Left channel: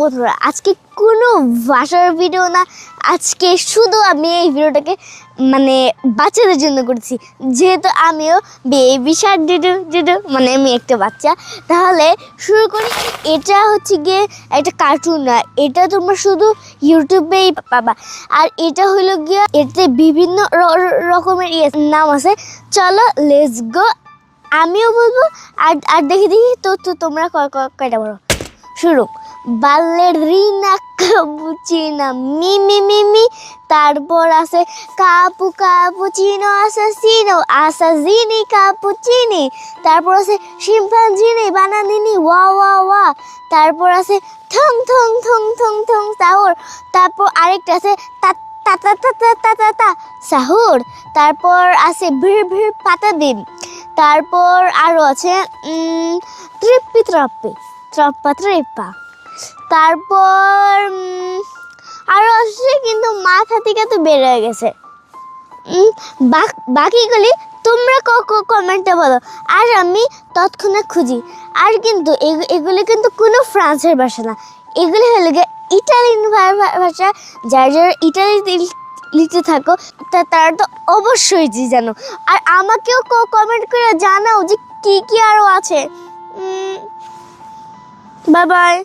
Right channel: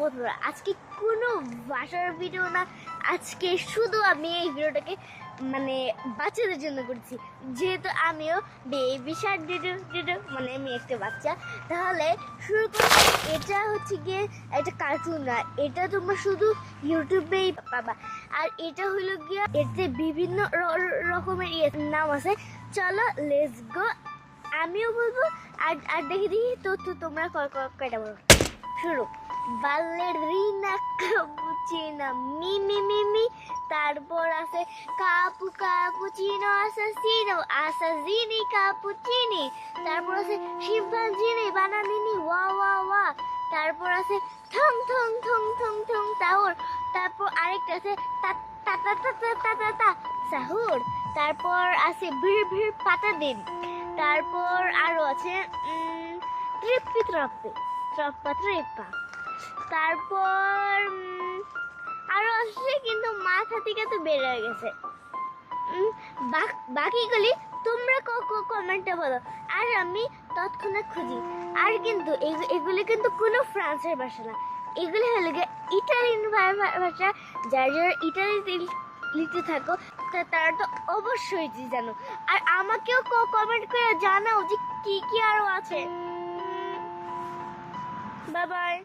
বন্ধুরা, আজকে কোনো ভাষার ভিডিও না, আজকে শুধু আমি এই ভিডিওটাকে মানে বাচ্চাদের জন্য করছি, যেহেতু আমিও বেবি শার্ক ডিডু ডিডু মানে আমি একটা বাচ্চা। তাহলে শুরু করি। এটা হচ্ছে গিয়ে একটা কার্টুন না, এটা তোমরা শুধু ইউটিউবেই পাবা। আর এটা হলো গিয়ে এতে বিভিন্ন রকমের নাম আছে। চলো লেটস গো, আমিও বলবো আর আর দেখি তো তোমরা কয়টা বলো। শুরু। বালেরিনা কাপুচিনা মিমি মিমি, তারপর আছে কাপু কাপুচিনো আসাসিনো আসাজিনি কাপুচিনি, তারপর আছে শিম্পাঞ্জিনি বানানিনি ওয়া ওয়া ওয়া, তারপর আছে থং থং থং থং থং সাহুর, তারপর আরেকটা আছে তা তা তা তা তা তা তা তা সাহুর, তারপর আছে ভিড় ভিড় পাতা দিন, তারপর আরও আছে তৃপ্পি ত্রপ্পি ত্রপ্পা ত্রিপ্পা, তারপর আরও আছে কিন্তু মাথা থেকে তো বের হয়ে গেছে। বাকিগুলি তোমরা কমেন্টে বলো আর আমি তৎক্ষণাৎ খুঁজি। আর কিন্তু এগুলি কিন্তু কোনো ফ্রান্সের ভাষা না, এগুলি হলো গিয়ে ইটালিয়ান ভাষা। যার যারা ইটালিতে থাকো তারা তো অবশ্যই জানো। আর আমাকেও কমেন্ট করে জানাও যে কি কি আরও আছে। Bye bye.